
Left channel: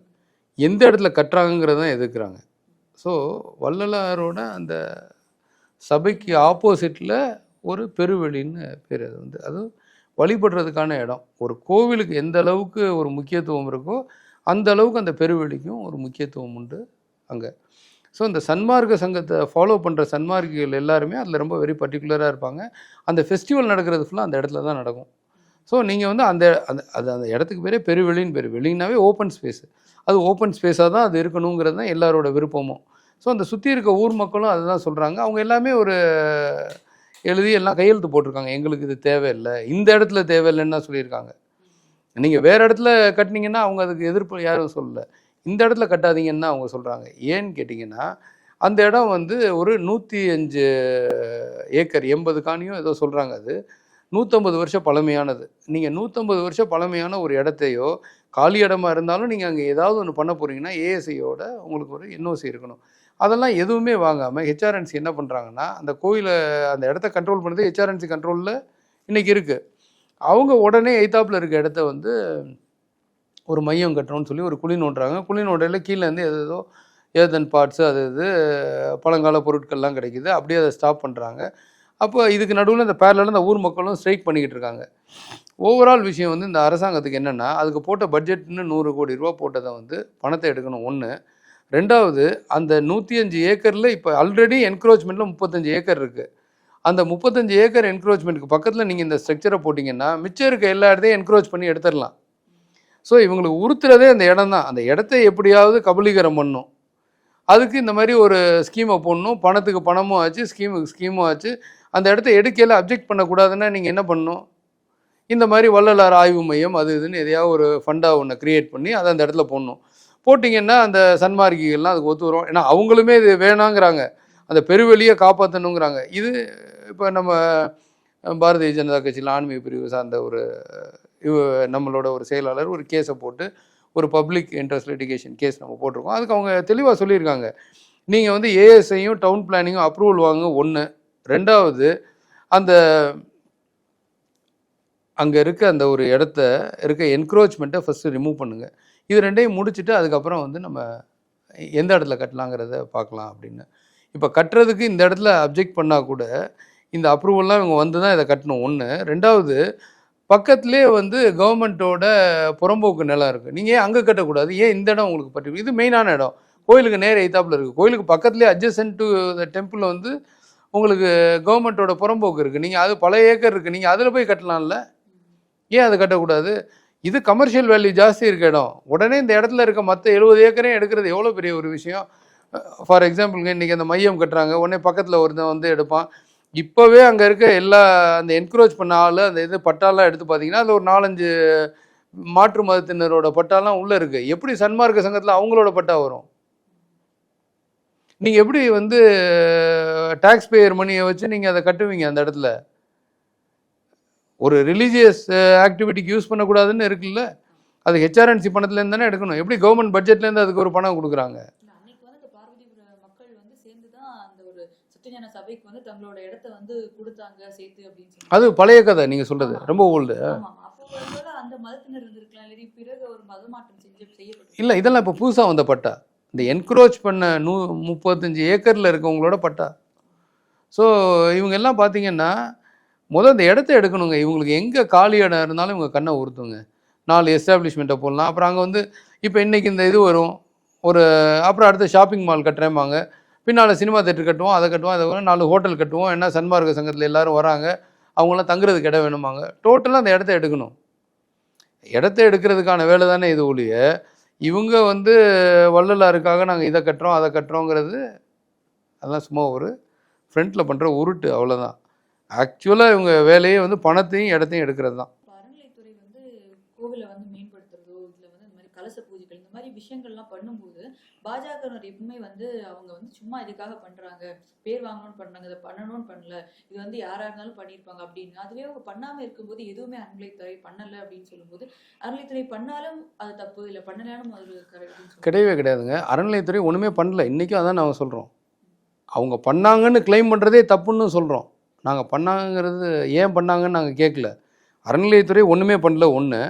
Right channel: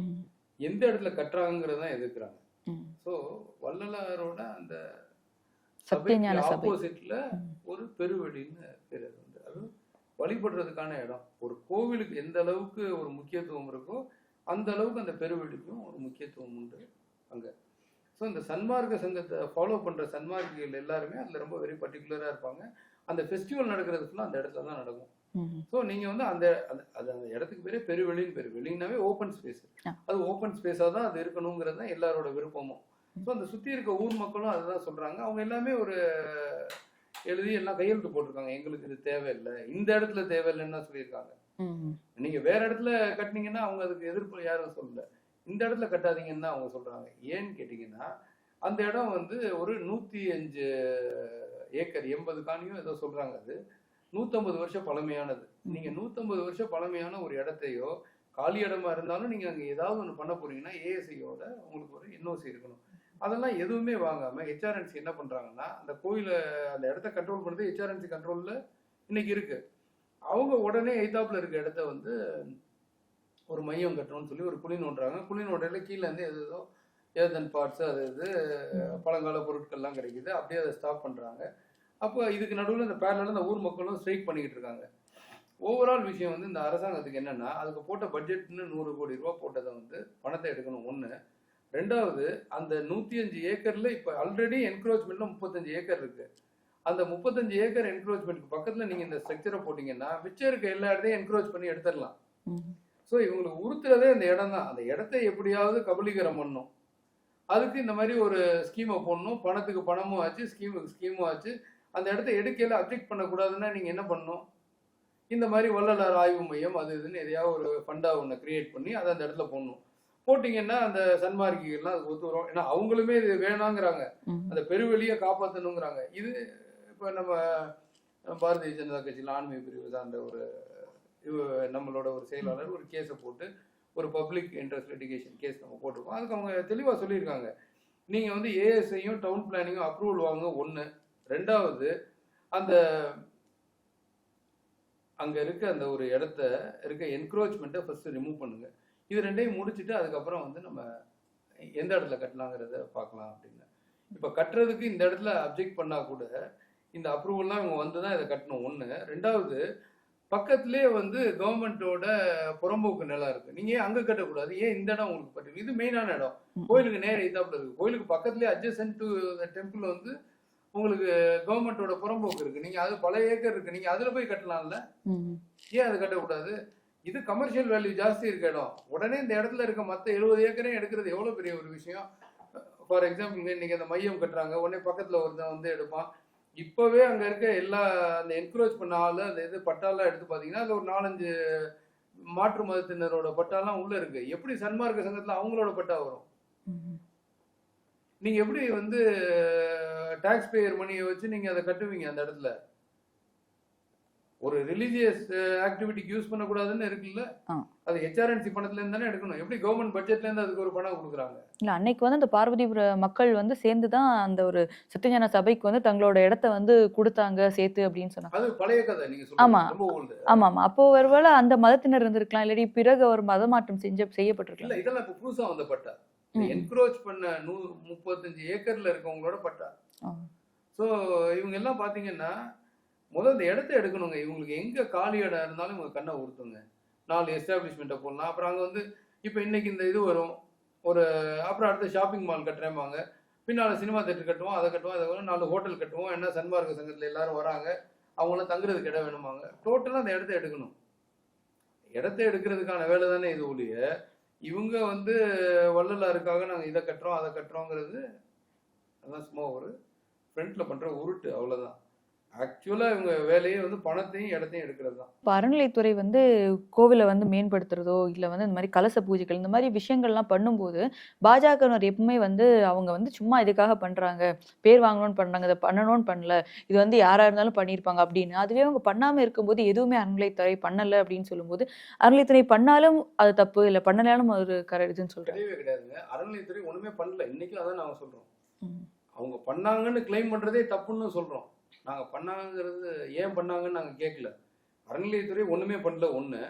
எந்த இடத்துல கட்டுறாங்கங்கிறத தான் எதிர்க்கிறாங்க. ஸோ வள்ளலாரோட அந்த சபைக்கு. ஆப்போசிட்டில் ஒரு பெருவெளின்னு பேர் அது வந்து. அது வழிபடுறதுக்கான இடம். ஒரு கோவிலுக்கு எந்த அளவுக்கு ஒரு முக்கியத்துவம் இருக்கோ அந்த அளவுக்கு அந்த பெருவெளிக்கும் ஒரு முக்கியத்துவம் உண்டு. அங்கே. ஸோ இந்த சன்மார்க்க சங்கத்தை ஃபாலோ பண்ணுற சன்மார்க்கிகள் எல்லாருமே அதில் ரொம்ப வெரி பர்டிகுலராக இருப்பாங்க. அந்த ஃபெஸ்டிவல் நடக்கிறது ஃபுல்லாக அந்த இடத்துல தான் நடக்கும். ஸோ நீங்கள் வந்து அந்த அந்த அது அந்த இடத்துக்கு பேரே பெருவெளின்னு பேர். வெளினாவே ஓப்பன் ஸ்பேஸ். அது ஓப்பன் ஸ்பேஸாக தான் அது இருக்கணுங்கிறது தான் எல்லாரோட விருப்பமும் ஸோ அந்த சுற்றி இருக்க ஊர் மக்களும் அதுதான் சொல்கிறாங்க அவங்க எல்லாமே ஒரு எழுதி எல்லாம் கையெழுத்து போட்டிருக்காங்க. எங்களுக்கு இது தேவையில்லை. இந்த இடத்துல தேவையில்லைன்னு தான் சொல்லியிருக்காங்க. நீங்கள் வேறு இடத்துல கட்டினீங்கன்னா அவங்க அதுக்கு எதிர்ப்பு யாரும் சொல்லல. இந்த இடத்துல கட்டாதீங்கன்னு தான் அவங்க சொல்கிறாங்க ஏன்னு கேட்டிங்கன்னா அந்த இடம் வந்து ஒரு நூற்றி அஞ்சு ஏக்கர் எண்பது காணியும் ஏதோ சொல்கிறாங்க அது. நூற்றம்பது வருஷம் பழமையானது. நீங்கள் நூற்றம்பது வருஷம் பழமையான ஒரு இடத்தையோ காலி இடமா இருந்தாலும் நீங்கள் அங்கே ஏதாவது ஒன்று பண்ண போகிறீங்கன்னா ஏஎஸ்ஐயோட உங்களுக்கு ஒரு என்ஓசி இருக்கணும். அதெல்லாம் எதுவுமே வாங்காமல் ஹெச்ஆர்என்சி என்ன பண்ணுறாங்கன்னா அந்த கோயிலை அந்த இடத்த கண்ட்ரோல் பண்ணுறது ஹெச்ஆர்என்சி கண்ட்ரோலில் இன்றைக்கி இருக்குது அவங்க உடனே எய்தாப்பில் இருக்க இடத்த வந்து ஒரு மையம் கட்டணும்னு சொல்லி ஒரு குழி நோண்டுறாங்க. குழி நோண்டையில் கீழே இருந்து ஏதோ ஏதன் பார்ட்ஸு அது இது பழங்கால பொருட்கள்லாம் கிடைக்குது. அப்படியே அதை ஸ்டாப் பண்ணுறாங்க அப்போ இதுக்கு நடுவில் இந்த பேரலில் இந்த ஊர் மக்களும் ஸ்ட்ரைக் பண்ணிக்கிட்டு இருக்காங்க. ஓவரால் விஷயம் வந்து இந்த அரசாங்கத்துக்கு என்னென்னா அதுக்கு போட்ட பட்ஜெட்னு நூறு கோடி ரூபா போட்டதை வந்து பணத்தை எடுக்கணும். ஒன்று ரெண்டாவது அந்த நூற்றி அஞ்சு ஏக்கரில் இப்போ ஆல்ரெடி என்க்ரோச்மெண்ட்டில் முப்பத்தஞ்சு ஏக்கர் இருக்குது அந்த முப்பத்தஞ்சு ஏக்கர் என்க்ரோச்மெண்ட்டுக்கு பக்கத்தில் நீங்கள் இந்த ஸ்ட்ரக்சரை போட்டிங்கன்னா மிச்சம் இருக்க எல்லா இடத்தையும் என்க்ரோச் பண்ணி எடுத்துடலாம். ஸோ இவங்களுக்கு உறுத்துறதே அந்த இடம் தான் அந்த இடத்த எப்படியாவது கபலீகரம் பண்ணும். அதுக்கு இந்த மாதிரி ஒரு ஸ்கீமை போடணும். பணத்துக்கு பணமும் ஆச்சு ஸ்கீமுக்கு ஸ்கீமும் ஆச்சு. அந்த இடத்த எடுக்கையில் அப்ஜெக்ட் பண்ணக்கூடாதுன்னா நீங்கள் என்ன பண்ணணும்? இந்த மாதிரி வள்ளலார் ஆய்வு மையம் அது இதுன்னு எதையாவது ஒரு ஃபண்டாக ஒன்று க்ரியேட் பண்ணி அதை அந்த இடத்துல போடணும். போட்டிங்கன்னா அந்த சன்மார்க்கிகள்லாம் அதுக்கு ஒத்து வரும். ஏன்னா அவங்களுமே இது வேணாங்கிறாங்க. அந்த பெருவெளியை காப்பாற்றணுங்கிறாங்க இது இப்போ நம்ம பாரதிய ஜனதா கட்சியில் ஆன்மீக பிரிவு சார்ந்த ஒரு நம்மளோட ஒரு செயலாளர் ஒரு கேஸை போட்டு ஒரு பப்ளிக் இன்ட்ரெஸ்ட் லிட்டிகேஷன் கேஸ் நம்ம போட்டிருக்கோம். அதுக்கு அவங்க தெளிவாக சொல்லியிருக்காங்க. நீங்கள் வந்து ஏஎஸ்ஐயும் டவுன் பிளானிங்கும் அப்ரூவல் வாங்க ஒன்று ரெண்டாவது அந்த அங்கே இருக்க அந்த ஒரு இடத்த இருக்க என்க்ரோச்மெண்ட்டை ஃபஸ்ட்டு ரிமூவ் பண்ணுங்கள் இது ரெண்டையும் முடிச்சுட்டு அதுக்கப்புறம் வந்து நம்ம எந்த இடத்துல கட்டலாங்கிறத பார்க்கலாம் அப்படின்னு. இப்போ கட்டுறதுக்கு இந்த இடத்துல அப்ஜெக்ட் பண்ணால் கூட இந்த அப்ரூவல்லாம் இவங்க வந்து தான் இதை கட்டணும். ஒன்று ரெண்டாவது பக்கத்துலேயே வந்து கவர்மெண்ட்டோட புறம்போக்கு நிலம் இருக்குது நீங்கள் ஏன் அங்கே கட்டக்கூடாது? ஏன் இந்த இடம் உங்களுக்கு பற்றி இது மெயினான இடம். கோயிலுக்கு நேர எய்த்தாப்பில் இருக்குது கோயிலுக்கு பக்கத்துலேயே அட்ஜசன்ட் டு த டெம்பிள் வந்து உங்களுக்கு கவர்மெண்ட்டோட புறம்போக்கு இருக்குது நீங்கள் அது பல ஏக்கர் இருக்குது நீங்கள் அதில் போய் கட்டலாம்ல? ஏன் அது கட்டக்கூடாது? இது கமர்ஷியல் வேல்யூ ஜாஸ்தி இருக்க இடம். உடனே இந்த இடத்துல இருக்க மற்ற எழுபது ஏக்கரையும் எடுக்கிறது எவ்வளோ பெரிய ஒரு விஷயம்? ஃபார் எக்ஸாம்பிளுங்க இன்றைக்கி அந்த மையம் கட்டுறாங்க. உடனே பக்கத்தில் ஒருத்தன் வந்து எடுப்பான். இப்போவே அங்கே இருக்க எல்லா அந்த என்க்ரோச் பண்ண ஆள் அந்த இது பட்டாலாம் எடுத்து பார்த்தீங்கன்னா அதில் ஒரு நாலஞ்சு மாற்று மதத்தினரோட பட்டாலாம் உள்ளே இருக்குது எப்படி சன்மார்க்க சங்கத்தில் அவங்களோட பட்டா வரும்? நீங்கள் எப்படி வந்து டேக்ஸ் பேயர் மணியை வச்சு நீங்கள் அதை கட்டுவீங்க அந்த இடத்துல? ஒரு ரிலீஜியஸ் ஆக்டிவிட்டிக்கு யூஸ் பண்ணக்கூடாதுன்னு இருக்குல்ல. அது ஹெச்ஆர்என்சி பணத்துலேருந்து தானே எடுக்கணும். எப்படி கவர்மெண்ட் பட்ஜெட்லேருந்து அதுக்கு ஒரு பணம் கொடுக்குறாங்க? இல்ல அன்னைக்கு வந்து அந்த பார்வதிபுர மக்கள் வந்து சேர்ந்து தான் அந்த ஒரு சத்தியஞான சபைக்கு வந்து தங்களோட இடத்த வந்து கொடுத்தாங்க சேர்த்து அப்படின்னு சொன்னாங்க. அது பழைய கதை நீங்கள் ஆமா. ரொம்ப ஓல்டு ஆமா ஆமா அப்போ ஒருவேளை அந்த மதத்தினர் இருந்திருக்கலாம் இல்லாட்டி பிறகு ஒரு மதமாற்றம் செஞ்ச செய்யப்பட்டிருக்கு இல்லை இதெல்லாம் இப்போ புதுசாக வந்த பட்டா. இந்த. என்க்ரோச் பண்ண நூ முப்பத்தஞ்சு ஏக்கரில் இருக்கவங்களோட பட்டா. ஸோ இவங்க எல்லாம் பார்த்தீங்கன்னா முதல் இந்த இடத்த எடுக்கணுங்க. இவங்களுக்கு எங்கே காலி இடம் இருந்தாலும் இவங்க கண்ணை உறுத்துங்க நாலு எஸ்டாப்ளிஷ்மெண்ட்டை போடலாம். அப்புறம் அங்கே வந்து இப்போ இன்னைக்கு இந்த இது வரும். ஒரு அப்புறம் அடுத்து ஷாப்பிங் மால் கட்டுறேம்பாங்க. பின்னால் சினிமா தேட்டர் கட்டுவோம் அதை கட்டுவோம் அதை வரும் நாலு ஹோட்டல் கட்டுவோம். ஏன்னா சன்மார்க்க சங்கத்தில் எல்லோரும் வராங்க. அவங்களாம் தங்குறதுக்கு இடம் வேணுமாங்க டோட்டலாக அந்த இடத்த எடுக்கணும். இடத்த எடுக்கிறதுக்கான வேலை தானே இது ஒழிய இவங்க வந்து வள்ளலாருக்காக நாங்கள் இதை கட்டுறோம் அதை கட்டுறோங்கிறது அதெல்லாம் சும்மா ஒரு ஃப்ரண்ட்டில் பண்ணுற உருட்டு அவ்வளோதான் ஆக்சுவலாக இவங்க வேலையே வந்து பணத்தையும் இடத்தையும் எடுக்கிறது தான். இப்போ அறநிலைத்துறை வந்து கோவிலை வந்து மேம்படுத்துறதோ இல்லை வந்து இந்த மாதிரி கலச பூஜைகள் இந்த மாதிரி விஷயங்கள்லாம் பண்ணும்போது பாஜகவினர் எப்பவுமே வந்து அவங்க வந்து சும்மா இதுக்காக பண்றாங்க? பேர் வாங்கணும்னு பண்றாங்க இதை பண்ணணும்னு பண்ணல. இது வந்து யாரா இருந்தாலும் பண்ணியிருப்பாங்க அப்படின்னு. அதுவே அவங்க பண்ணாம இருக்கும்போது எதுவுமே அறநிலைத்துறை பண்ணல அப்படின்னு சொல்லும்போது அறநிலைத்துறை பண்ணாலும் அது தப்பு இல்லை பண்ணலாலும் அது ஒரு கர இதுன்னு கிடையவே கிடையாதுங்க. அறநிலையத்துறை ஒன்றுமே பண்ணல. இன்றைக்கும் அதான் நாங்கள் சொல்கிறோம். அவங்க பண்ணாங்கன்னு க்ளைம் பண்ணுறதே தப்புன்னு சொல்கிறோம் நாங்கள் பண்ணாங்கிறது ஏன் பண்ணாங்கன்னு நாங்கள் கேட்கல அறநிலையத்துறை ஒன்றுமே பண்ணல ஒன்று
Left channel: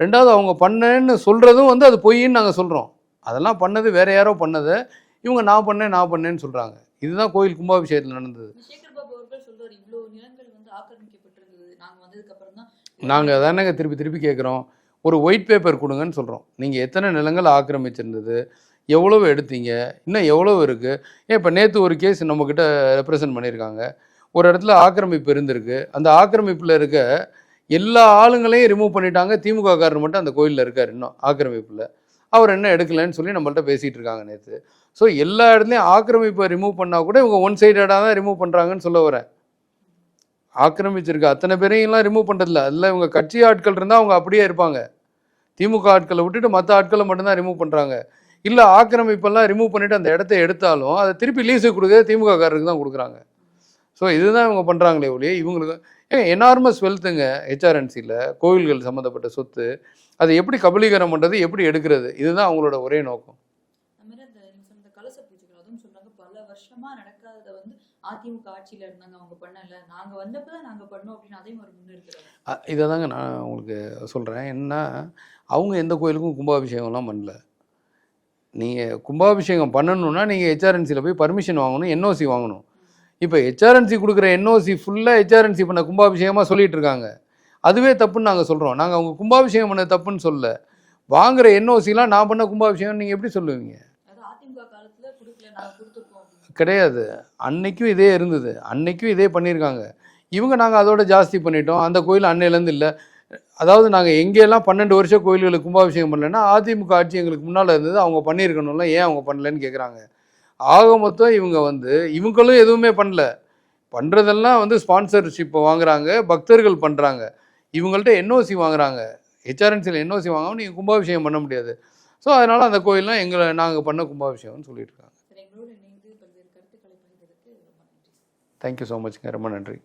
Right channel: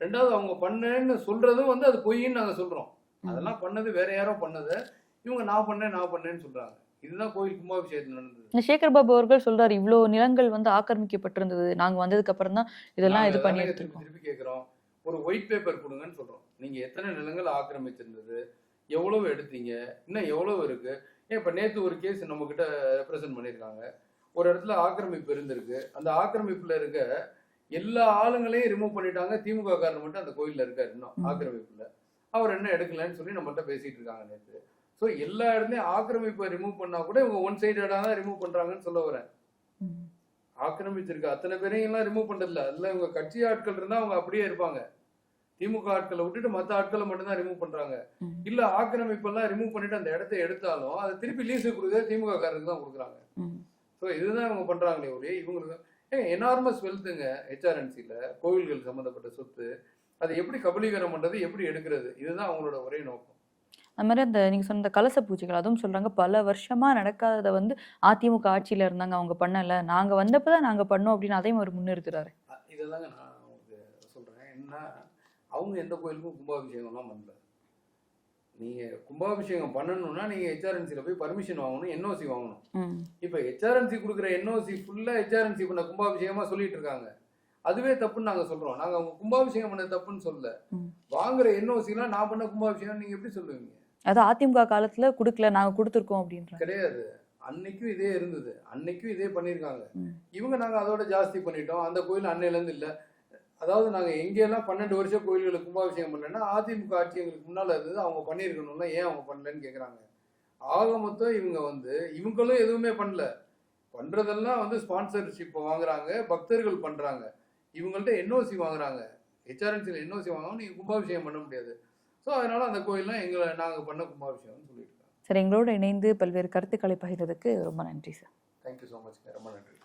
ரெண்டாவது அவங்க பண்ணேன்னு சொல்கிறதும் வந்து அது பொய்ன்னு நாங்கள் சொல்கிறோம் அதெல்லாம் பண்ணது வேற யாரோ பண்ணதை. இவங்க நான் பண்ணேன் நான் பண்ணேன்னு சொல்கிறாங்க இதுதான் கோயில் கும்பாபிஷேகத்தில் நடந்தது. சேகர் பாபு அவர்கள் சொல்றாரு இவ்வளோ நிலங்கள் வந்து ஆக்கிரமிக்கப்பட்டிருந்தது. நாங்க வந்ததுக்கு அப்புறம் தான் நாங்கள் தானேங்க திருப்பி திருப்பி கேட்குறோம் ஒரு ஒயிட் பேப்பர் கொடுங்கன்னு சொல்கிறோம் நீங்கள் எத்தனை நிலங்கள் ஆக்கிரமிச்சிருந்தது? எவ்வளவு எடுத்தீங்க? இன்னும் எவ்வளவு இருக்குது ஏன் இப்போ நேற்று ஒரு கேஸ் நம்மக்கிட்ட ரெப்ரசன்ட் பண்ணியிருக்காங்க. ஒரு இடத்துல ஆக்கிரமிப்பு இருந்திருக்கு. அந்த ஆக்கிரமிப்பில் இருக்க எல்லா ஆளுங்களையும் ரிமூவ் பண்ணிட்டாங்க. திமுக காரர் மட்டும் அந்த கோயிலில் இருக்கார் இன்னும். ஆக்கிரமிப்பில். அவர் என்ன எடுக்கலைன்னு சொல்லி நம்மள்ட்ட பேசிகிட்டு இருக்காங்க நேற்று ஸோ எல்லா இடத்துலையும் ஆக்கிரமிப்பை ரிமூவ் பண்ணால் கூட இவங்க ஒன் சைடடாக தான் ரிமூவ் பண்ணுறாங்கன்னு சொல்ல வரேன். ஆக்கிரமிச்சிருக்க. அத்தனை பேரையும்லாம் ரிமூவ் பண்ணுறதில்ல அதில் இவங்க கட்சி ஆட்கள் இருந்தால் அவங்க அப்படியே இருப்பாங்க. திமுக ஆட்களை விட்டுட்டு மற்ற ஆட்களை மட்டும்தான் ரிமூவ் பண்ணுறாங்க. இல்லை ஆக்கிரமிப்பெல்லாம் ரிமூவ் பண்ணிட்டு அந்த இடத்த எடுத்தாலும் அதை திருப்பி லீஸுக்கு கொடுக்குறது திமுக காரருக்கு தான் கொடுக்குறாங்க. ஸோ இதுதான் இவங்க பண்ணுறாங்களே ஒழிய இவங்களுக்கு ஏன் எனார்மஸ் வெல்த்துங்க ஹெச்ஆர்என்சியில் கோவில்கள் சம்மந்தப்பட்ட சொத்து அதை எப்படி கபலீகரம் பண்ணுறது எப்படி எடுக்கிறது இதுதான் அவங்களோட ஒரே நோக்கம். அது மாதிரி அந்த நீங்க சொன்ன இந்த கலச பூஜைகள் அதுவும் சொல்றாங்க பல வருஷமா நடக்காதத வந்து அதிமுக ஆட்சியில இருந்தாங்க அவங்க பண்ணல. நாங்க வந்தப்பதான் நாங்க பண்ணோம் அப்படின்னு அதையும் அவர் முன்னிறுத்துறாரு. இதை தாங்க நான் உங்களுக்கு சொல்கிறேன் என்ன அவங்க எந்த கோயிலுக்கும் கும்பாபிஷேகம்லாம் பண்ணல. நீங்கள் கும்பாபிஷேகம் பண்ணணும்னா நீங்கள் ஹெச்ஆர்என்சியில் போய் பர்மிஷன் வாங்கணும் என்ஓசி வாங்கணும். இப்போ ஹெச்ஆர்என்சி கொடுக்குற என்ஓசி ஃபுல்லாக ஹெச்ஆர்என்சி பண்ண கும்பாபிஷேகமாக சொல்லிட்டு இருக்காங்க. அதுவே தப்புன்னு நாங்கள் சொல்கிறோம் நாங்கள் அவங்க கும்பாபிஷேகம் பண்ண தப்புன்னு சொல்ல. வாங்குற என்ஓசிலாம் நான் பண்ண கும்பாபிஷேகம் நீங்கள் எப்படி சொல்லுவீங்க? அது அதிமுக காலத்துல குடுக்கல நாங்க கொடுத்துருக்கோம் அப்படின்ற. கிடையாது. அன்னைக்கும் இதே இருந்தது. அன்னைக்கும் இதே பண்ணியிருக்காங்க. இவங்க நாங்கள் அதோட ஜாஸ்தி பண்ணிட்டோம். அந்த கோயில் அன்னையிலேருந்து இல்லை. அதாவது நாங்கள் எங்கெல்லாம் பன்னெண்டு வருஷம் கோயில்களுக்கு கும்பாபிஷேகம் பண்ணலைன்னா அதிமுக ஆட்சி எங்களுக்கு முன்னால் இருந்தது. அவங்க பண்ணியிருக்கணும்ல. ஏன் அவங்க பண்ணலன்னு கேட்குறாங்க ஆக மொத்தம் இவங்க வந்து இவங்களும் எதுவுமே பண்ணல. பண்ணுறதெல்லாம் வந்து ஸ்பான்சர்ஷிப்பை வாங்குறாங்க பக்தர்கள் பண்ணுறாங்க இவங்கள்ட்ட என்ஓசி வாங்குறாங்க. ஹெச்ஆர்என்சியில் என்ஓசி வாங்காமல் நீங்கள் கும்பாபிஷேகம் பண்ண முடியாது. ஸோ அதனால் அந்த கோயில்லாம் எங்களை நாங்கள் பண்ண கும்பாபிஷேகம்னு சொல்லிட்டு இருக்காங்க. சரி எங்களோட இணைந்து பல்வேறு கருத்துக்களை பகிர்ந்ததுக்கு ரொம்ப நன்றி சார். தேங்க்யூ ஸோ மச்ங்க ரொம்ப நன்றி.